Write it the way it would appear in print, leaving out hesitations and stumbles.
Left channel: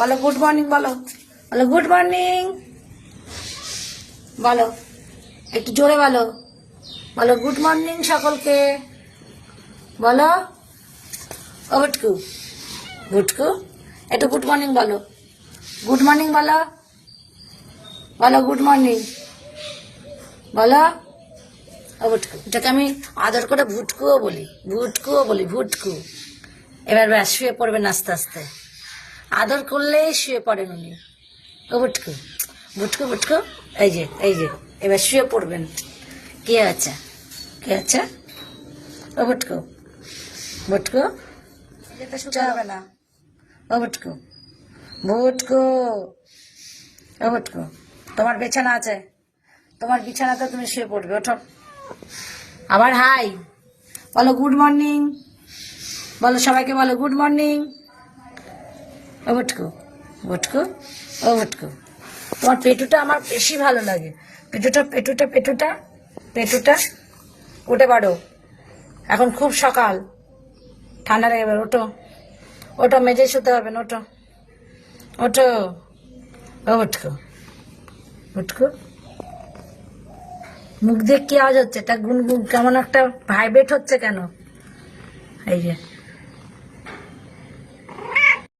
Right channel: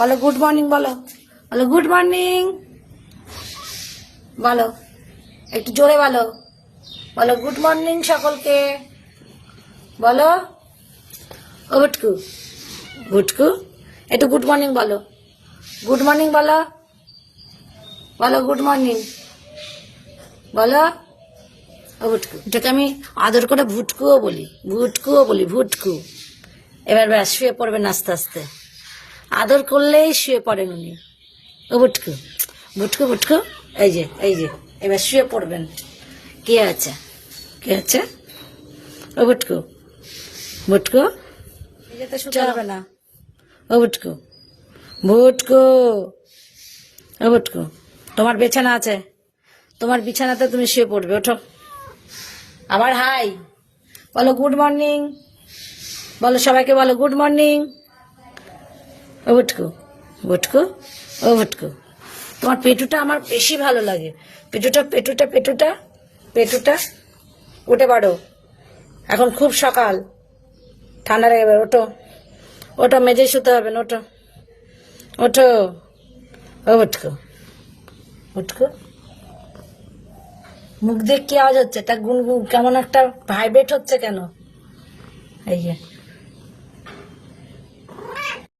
বলো good morning, বলো বলো গুড মর্নিং, বলো একটু জোরে বলো, বলো গুড মর্নিং সকলকে, বলো ও গুটকু, গুটকু একটু গুড মর্নিং বলো, গুড মর্নিং বলো, বলো গুড মর্নিং, বলো ও ভুটকু। এটাকে আমি আদর করে ভুটকুও বলি, ভুটকুও বলি, ভুটকু। এবার ব্যাস শুয়ে পড়বেন আস্তে আস্তে, আদর করলেই শুয়ে পড়েন উনি। ও ভুটকু, ভুটকু ভুটকু, এই যে এই যে এবার শুয়ে পড়বেন। কি আছে, কি আছে ও ভুটকু, ভুটকু যেতে শুতে হবে না। ও ভুটকু, ভুটকু, ও ভুটকু, তোমার বিছানা আছে, তোমার বিছানাতে তুমি শুয়ে পড়বে, ওঠো। আবার হাই বলো, গুড মর্নিং বলো, সবাইকে বলো গুড মর্নিং। ও ভুটকু, ভুটকু, ও ভুটকু, তোমার পেটুটা আমার বেশি ভালো লাগে, পেটুটা পেটুটা পেটুটা পেটুটা। উঠে পারো, এখন খুব সকাল, ঠান্ডা লেগে যাবে, ওঠো ওটা মেজে শুতে হবে না, ওঠো ওঠো। ও ভুটকু, ভুটকু, মুখ দিয়ে কি আওয়াজ হচ্ছে, এটা গুনগুন কেমন একটা ভাইব্রেট হচ্ছে কেন? এই যে